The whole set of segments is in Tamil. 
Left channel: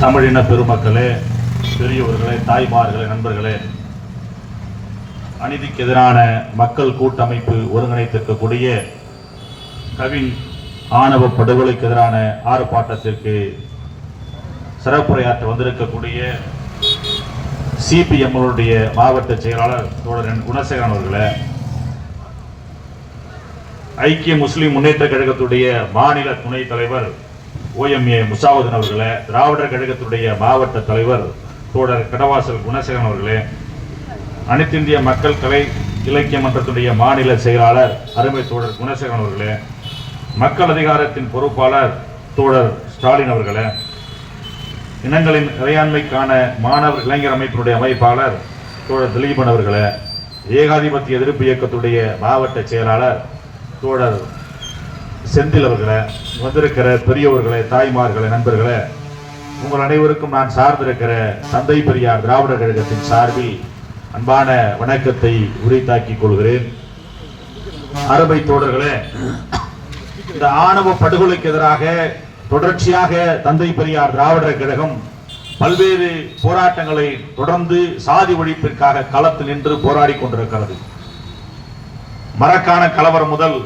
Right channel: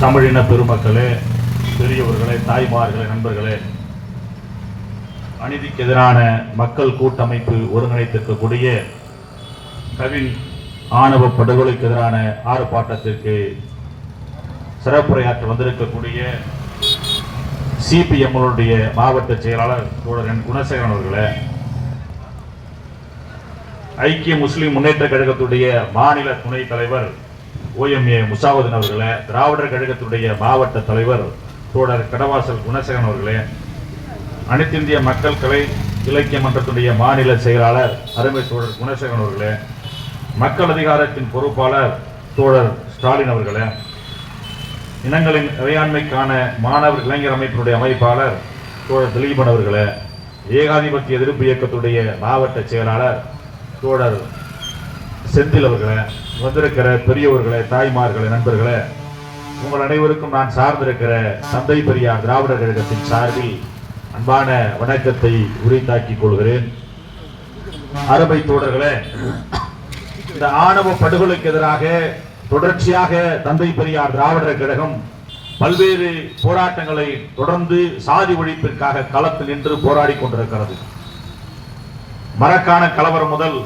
தமிழின பெருமக்களே பெரியவர்களே தாய்மார்களே நண்பர்களே அநீதிக்கு எதிரான மக்கள் கூட்டமைப்பு ஒருங்கிணைத்திருக்கக்கூடிய கவின் ஆணவ படுகொலைக்கு எதிரான ஆர்ப்பாட்டத்திற்கு சிறப்புரையாற்ற வந்திருக்கக்கூடிய சிபிஎம்னுடைய மாவட்ட செயலாளர் தோழரன் குணசேகரன் அவர்களே ஐக்கிய முஸ்லிம் முன்னேற்ற கழகத்துடைய மாநில துணைத் தலைவர் ஓஎம்ஏ முசாவுதீன் அவர்களே திராவிடர் கழகத்துடைய மாவட்ட தலைவர் தோழர் கடவாசல் குணசேகரன் அவர்களே அனைத்திந்திய மக்கள் கலை இலக்கிய மன்றத்துடைய மாநில செயலாளர் அருமை தோழர் குணசேகரன் அவர்களே மக்கள் அதிகாரத்தின் பொறுப்பாளர் தோழர் ஸ்டாலின் அவர்களே இனங்களின் இறையாண்மைக்கான மாணவர் இளைஞர் அமைப்பினுடைய அமைப்பாளர் தோழர் திலீபன் அவர்களே ஏகாதிபத்திய எதிர்ப்பு இயக்கத்துடைய மாவட்ட செயலாளர் தோழர் செந்தில் அவர்களை வந்திருக்கிற பெரியவர்களை தாய்மார்களை நண்பர்களை உங்கள் அனைவருக்கும் நான் சார்ந்திருக்கிற தந்தை பெரியார் திராவிட கழகத்தின் சார்பில் அன்பான வணக்கத்தை உரித்தாக்கிக் கொள்கிறேன். அருமை தோழர்களே இந்த ஆணவ படுகொலைக்கு எதிராக தொடர்ச்சியாக தந்தை பெரியார் திராவிடர் கழகம் பல்வேறு போராட்டங்களை தொடர்ந்து சாதி ஒழிப்பிற்காக களத்தில் நின்று போராடி கொண்டிருக்கிறது. மரக்கான கலவரம் முதல்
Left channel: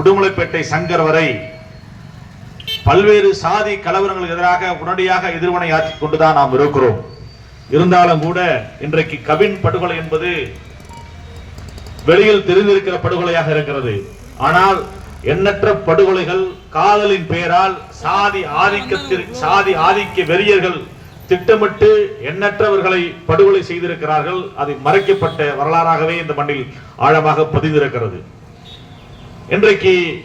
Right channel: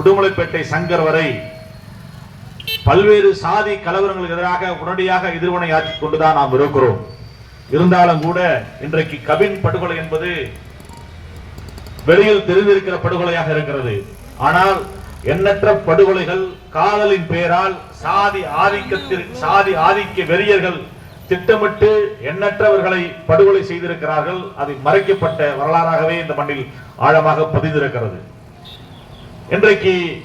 உடுமலைப்பேட்டை சங்கர் வரை பல்வேறு சாதி கலவரங்களுக்கு எதிராக உடனடியாக எதிர்வினை ஆற்றிக் கொண்டுதான் நாம் இருக்கிறோம். இருந்தாலும் கூட இன்றைக்கு கவின் படுகொலை என்பது வெளியில் தெரிந்திருக்கிற படுகொலையாக இருக்கிறது. ஆனால் எண்ணற்ற படுகொலைகள் காதலின் பெயரால் சாதி ஆதிக்கத்தில் சாதி ஆதிக்க வெறியர்கள் திட்டமிட்டு எண்ணற்றவர்களை படுகொலை செய்திருக்கிறார்கள். அது மறைக்கப்பட்ட வரலாறாகவே இந்த மண்ணில் ஆழமாக பதிந்திருக்கிறது. இன்றைக்கு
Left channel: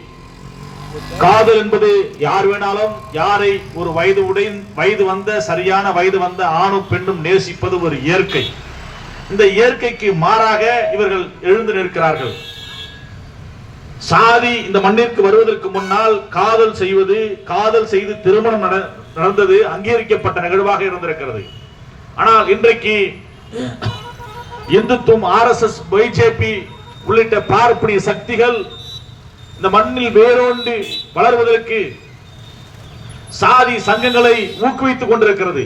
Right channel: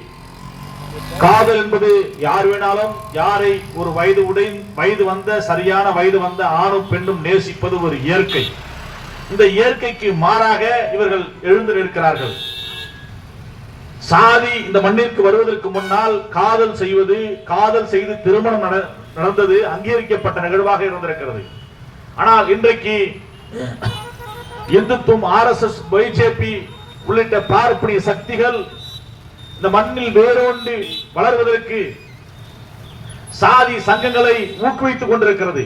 காதல் என்பது யார் வேணாலும் யாரை ஒரு வயது உடை வயது வந்த சரியான வயது வந்த ஆணும் பெண்ணும் நேசிப்பது ஒரு இயற்கை. இந்த இயற்கைக்கு மாறாக இவர்கள் எழுந்து நிற்கிறார்கள். சாதி இந்த மண்ணிற்கு வருவதற்கு முன்னால் காதல் செய்வது காதல் செய்து திருமணம் நட- நடந்தது அங்கீகரிக்கப்பட்ட நிகழ்வாக இருந்திருக்கிறது. ஆனால் இன்றைக்கு இந்துத்துவம் ஆர்எஸ்எஸ் பிஜேபி உள்ளிட்ட பார்ப்பனிய சக்திகள் இந்த மண்ணில் வேரோண்டு வளர்வதற்கு சாதி சங்கங்களை ஊக்குவித்துக் கொண்டிருக்கிறது.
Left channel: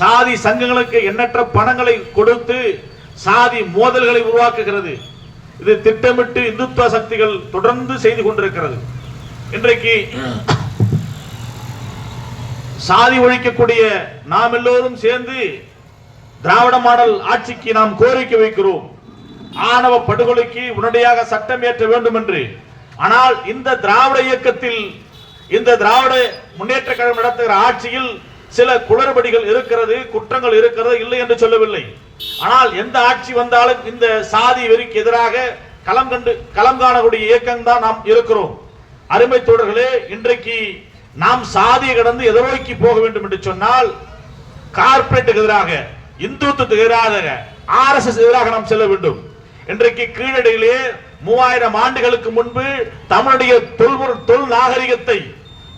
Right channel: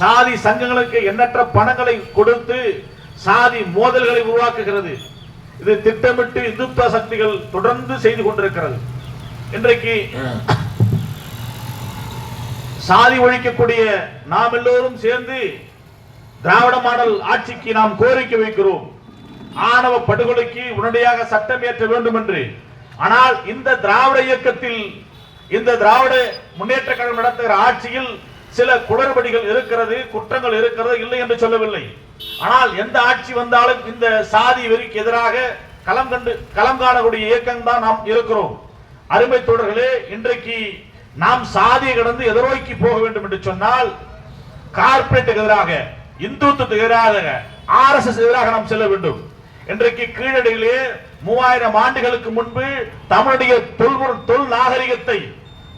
சாதி சங்கங்களுக்கு எண்ணற்ற பணங்களை கொடுத்து சாதி மோதல்களை உருவாக்குகிறது. இது திட்டமிட்டு இந்துத்துவ சக்திகள் தொடர்ந்து செய்து கொண்டிருக்கிறது. இன்றைக்கு சாதி ஒழிக்கக்கூடிய நாம் எல்லோரும் சேர்ந்து திராவிட மாடல் ஆட்சிக்கு நாம் கோரிக்கை வைக்கிறோம். ஆணவ படுகொலைக்கு உடனடியாக சட்டம் ஏற்ற வேண்டும் என்று ஆனால் இந்த திராவிட இயக்கத்தில் இந்த திராவிட முன்னேற்ற கழகம் நடத்துகிற ஆட்சியில் சில குளறுபடிகள் இருக்கிறது குற்றங்கள் இருக்கிறது இல்லை என்று சொல்லவில்லை. ஆனால் எந்த ஆட்சி வந்தாலும் இந்த சாதி வெறிக்கு எதிராக களம் கண்டு களம் காணக்கூடிய இயக்கம் தான் நாம் இருக்கிறோம். அருமை தோழர்களே இன்றைக்கு நாம் சாதியை கடந்து எதிரோக்கி போக வேண்டும் என்று சொன்னால் கார்ப்பரேட்டுக்கு எதிராக இந்துத்துவத்துக்கு எதிராக ஆர்எஸ்எஸ் எதிராக நாம் செல்ல வேண்டும். இன்றைக்கு கீழடியிலே மூவாயிரம் ஆண்டுகளுக்கு முன்பு தமிழுடைய தொல்பொருள் தொல் நாகரிகத்தை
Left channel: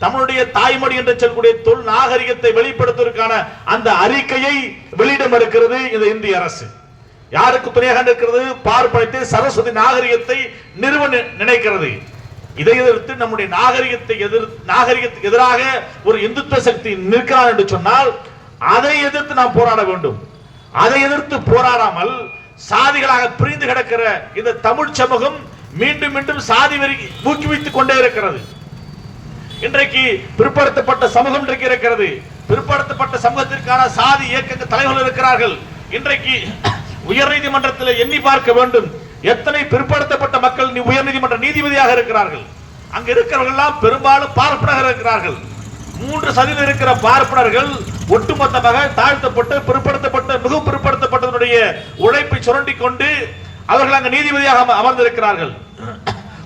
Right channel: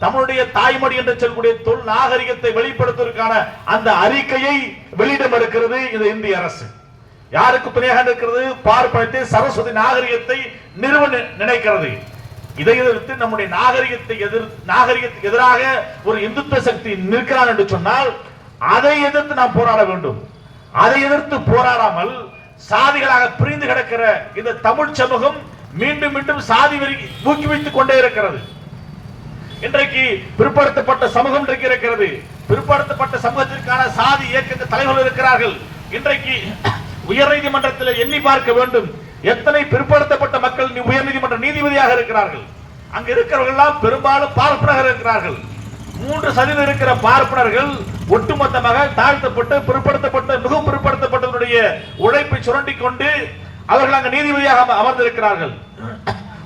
தமிழுடைய தாய்மொழி என்று சொல்லக்கூடிய தொல் நாகரிகத்தை வெளிப்படுத்துவதற்கான அந்த அறிக்கையை வெளியிடம் இருக்கிறது இந்த இந்திய அரசு. யாருக்கு துணையாக இருக்கிறது பார்ப்பனத்தை சரஸ்வதி நாகரிகத்தை நிறுவ நினைக்கிறது. இதை எதிர்த்து நம்முடைய நாகரிகத்தை எதிர் நாகரிகத்துக்கு எதிராக ஒரு இந்துத்துவ சக்தி நிற்கிறார் என்று சொன்னால் அதை எதிர்த்து நாம் போராட வேண்டும். அதை எதிர்த்து போராடாமல் சாதிகளாக பிரிந்து கிடக்கிற இந்த தமிழ் சமூகம் மீண்டும் மீண்டும் சாதி வெறி ஊக்குவித்துக் கொண்டே இருக்கிறது. இன்றைக்கு பிற்படுத்தப்பட்ட சமூகம் இன்றைக்கு இருக்கிறது. பிற்படுத்தப்பட்ட சமூகத்திற்கான சாதி இயக்க தலைவர்கள் இருக்கிறார்கள். இன்றைக்கு உயர்நீதிமன்றத்தில் எண்ணி பார்க்க வேண்டும். எத்தனை பிற்படுத்தப்பட்ட மக்கள் நீ- உயர்நீதிமன்ற நீதிபதியாக இருக்கிறார்கள். அங்கு இருக்கிறவர்கள் எல்லாம் பெரும்பாலும் பார்ப்பனர்கள் இருக்கிறார்கள். மூன்று சதவீதம் இருக்கிற பார்ப்பனர்கள் ஒட்டுமொத்தமாக தாழ்த்தப்பட்டு பிற்படுத்தப்பட்ட மிக பிற்படுத்தப்பட்டதனுடைய உழைப்பை சுரண்டி கொண்டு அவர்கள் அங்கு நீதிபதியாக அமர்ந்திருக்கிறார்கள்.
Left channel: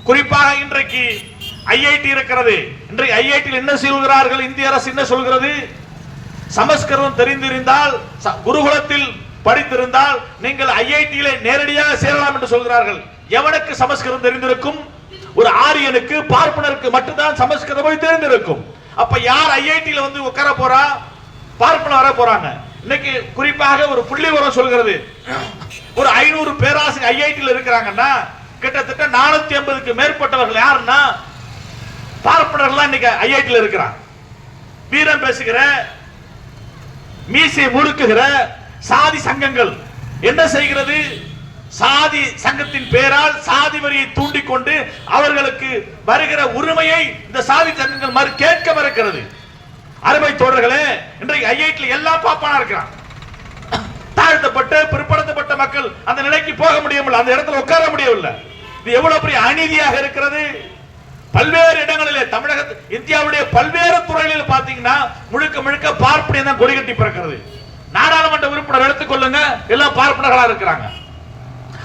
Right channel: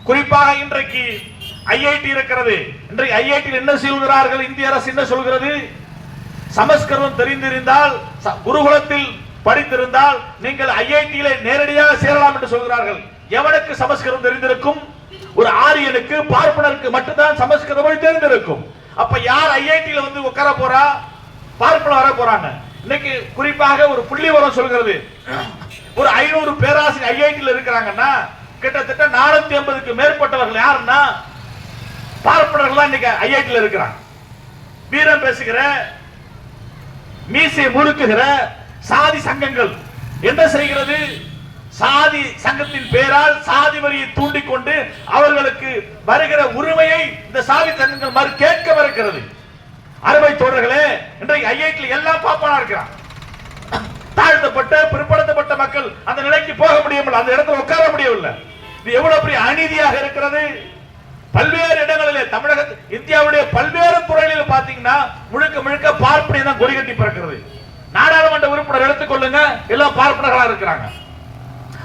குறிப்பாக இன்றைக்கு ஐஐடி இருக்கிறது. இன்றைக்கு ஐஐடியில் என்ன சொல்கிறார்கள்? இந்திய அரசு என்ன சொல்கிறது? சமஸ்கிருதம் தெரிந்திருந்தால் ச- குருகுலத்தில் படித்திருந்தால் நீங்கள் ஐஐடியில நேரடியாக சேரலாம் என்று சொல்கிறார்கள். எவனுக்கு சமஸ்கிருதம் தெரிந்திருக்கும்? ஒரு ஆரியனுக்கு பார்ப்பனருக்கு மட்டும்தான் சமஸ்கிருதம் தெரிந்திருக்கும். அப்ப யார் ஐஐடியில வந்து உட்கார போறா? பார்ப்பனர் வர போறாங்க. இன்னைக்கு குறிப்பாக ஒரு புள்ளிவரம் சொல்கிறது. ஒரு ஐநூறு பேராசிரியர் ஐஐடியில் இருக்கிறாங்கன்னா கிட்டத்தட்ட நானூத்தி ஐம்பதுக்கு மேற்பட்டவர்கள் யாருன்னா பார்ப்பனர்கள் இன்னைக்கு ஐஐடியில் இருக்கிறாங்க. வீரம் பேசுகிற மீசை முறுக்குகிற சாதி சங்கங்கள். என்ன செய்கிறது? சாதி சங்கத்தின் பெயரால் சாதி வரியை தூண்டிக்கொண்டு அவர்களுக்கு வருகிற உரிமையை இந்த சாதி சங்கங்கள் மறு கேட்க மறுக்கிறது. அருமை தோழர்களே இன்றைக்கு ஐஐடியில் எல்லாம் பாப்பானா இருக்கிறான். தாழ்த்தப்பட்ட பிற்படுத்தப்பட்ட மக்கள் அந்த நிலைக்கு போக முடியவில்லை அந்த இடத்துல உட்கார முடியவில்லை. இது எவ்வளவு பெரிய அநீதியாக இருக்கிறது? பல்வேறு இடங்களிலே தமிழக இந்தியாவுடைய பல்வேறு துறைகளில் பாத்தீங்கன்னா முழுக்க முழுக்க பார்ப்பனை தான் கொடிகட்டி பிறக்கிறது. நாடாளுமன்ற உறுப்பினர் எடுத்துக்கொள்ளுங்க எல்லாம் பார்ப்பனர்களா இருக்கிறாங்க.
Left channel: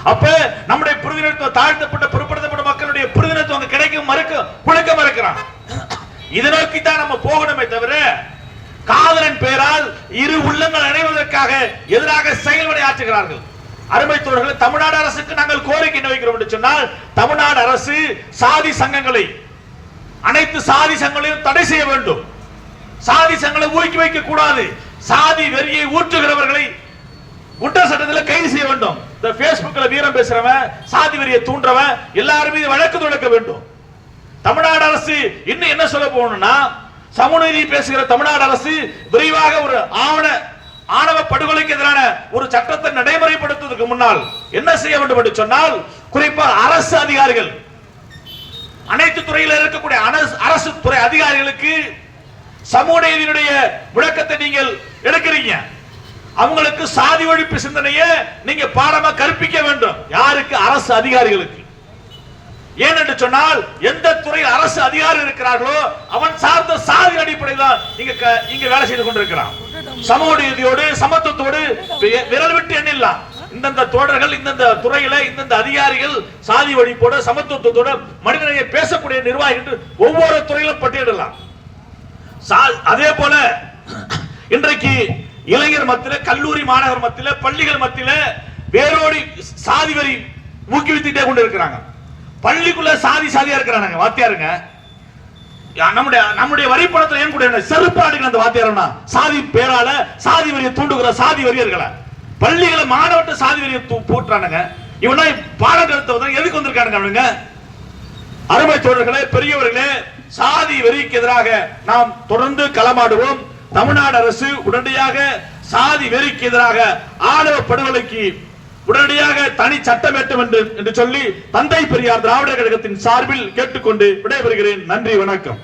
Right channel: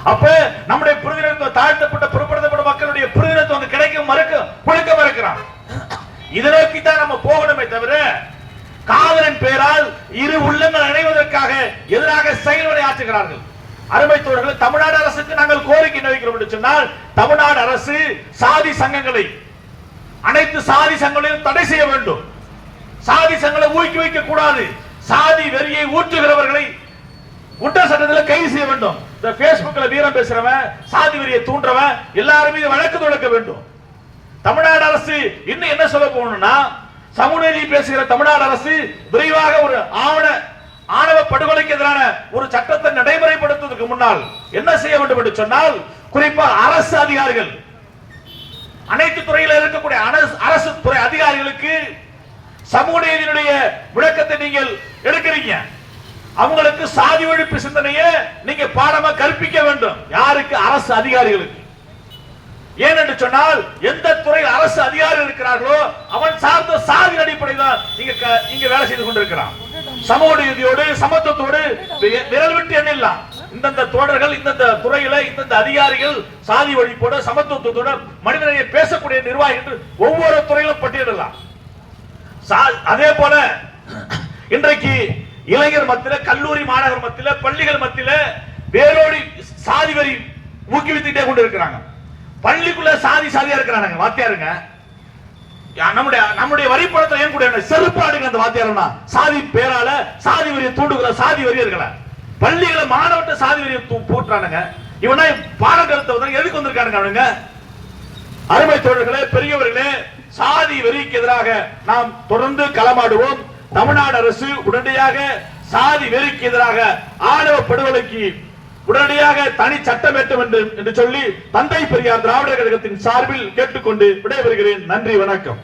அப்ப நம்முடைய பிரதிநிதித்துவம் தாழ்த்தப்பட்ட பிற்படுத்தப்பட்ட மக்களுடைய பிரதிநிதித்துவம் அங்க மறுக்க முழுக்க மறுக்கிறான். இதை நோக்கி தான் நம்ம போகணுமே தவிர காதலின் பெயரால் இரு உள்ளங்கள் அணைவதற்காக எதிராக செயல்படை ஆற்றுகிறார்கள் அருமை தமிழ்நாடு அரசுக்கு நாங்கள் கோரிக்கை வைக்கிறோம் என்று சொன்னால் தமிழ்நாடு அரசு சாதி சங்கங்களை அனைத்து சாதி சங்கங்களையும் தடை செய்ய வேண்டும். சாதி சங்கங்களை ஊக்குவிக்க கூடாது. சாதி வெறியை ஊற்றுகிறவர்களை குற்ற சட்டத்தில் கைது செய்ய வேண்டும். இந்த பேஸ்புக்ல வீரம் பேசுறவன் சாதி வெறியை தூண்டுறவன் எல்லாரும் மீது வழக்கு தொடுக்க வேண்டும். தமிழ்நாடு அரசு இன்னும் என்ன சொல்ல போகணும்னா சமூகநீதி பேசுகிற தமிழ்நாடு அரசு விரைவாக ஒரு ஆவண ஆணவ படுகொலைக்கு எதிரான ஒரு சட்டத்தை நடைமுறைப்படுத்துவதற்கு முன்னால் என்ன செய்ய வேண்டும் என்று சொன்னால் குறிப்பா அரசு அதிகாரிகள். அனைத்து துறையில் இருக்கக்கூடிய அரசு- அரசு துறை அதிகாரிகளுக்கு சமூக நீதியினுடைய விளக்கத்தை நீங்கள் எடுக்கிறீங்க. அவங்களுக்கு சாதி ஒழிப்பு சிந்தனையை நீங்க பாடமா கற்பிக்க வேண்டும். யாருக்கு? அரசு அதிகாரிகளுக்கு. ஏனென்று சொன்னால் எந்த துறையில் அரசு அதிகாரி இருக்கிறார்களோ அவன் சார்ந்த சாதி அடிப்படையில் தான் இங்க இங்க வேலை செய்து கொண்டிருக்கிறான். சமூக நீதியோடு சமத்துவத்தோடு விரல் விட்டு எண்ணில்லாம் இந்தந்த தோழர்கள் இந்தந்த துறையில இந்தந்த அதிகாரிகள் சாதி ஒழிப்போடு சமத்துவத்தோடு மனிதனையை பேசக்கூடிய நிர்வாகிகள் என்று ஒவ்வொரு துறையிலும் பட்டியலிடலாம். சா- அதே போல இன்றைக்கு இளைஞர் மத்தியில கல்லூரி மாணவர் மத்தியில பள்ளிகள் மத்தியில வேரோடி சாதி வரி ஊக்குவித்துட்டே கொண்டு இருக்கிறாங்க. பள்ளிக்குள்ள சாதி சாதியா இருக்கிறானுங்க வாத்தியாருங்க. யா, நம்முடைய நம்முடைய வரி பணத்துல ஏன் கூட செருப்பாடுகள் அந்த வாத்தியாரம்னா சாதி பேரால சாதி வரியை தூண்டுகிற சாதி வரியர்களை. பள்ளிகளை மாணவர்கிட்ட சாதி வரியை தூ- போட்டுறானுங்க. இவனா பாடம் எடுத்தவங்க எதுக்கு வந்திருக்கானுங்க அவனுங்க? அருமை தோழர்களே பெரியவர்களே சாதி வெறிக்கு எதிராக நாம் தொடர்ந்து களமாடுவோம். தமிழ்நாடு அரசு உடனடியாக சாதி வெறிக்கு எதிராக ஆணவ படுகொலைக்கு உடனடியாக தனி சட்டம் ஏற்ற வேண்டும் என்று சொல்லி தந்தை பெரியார் திராவிடர் கழகத்தின் சார்பில் கேட்டுக்கொண்டு விடைபெறுகிறேன். நன்றி வணக்கம்.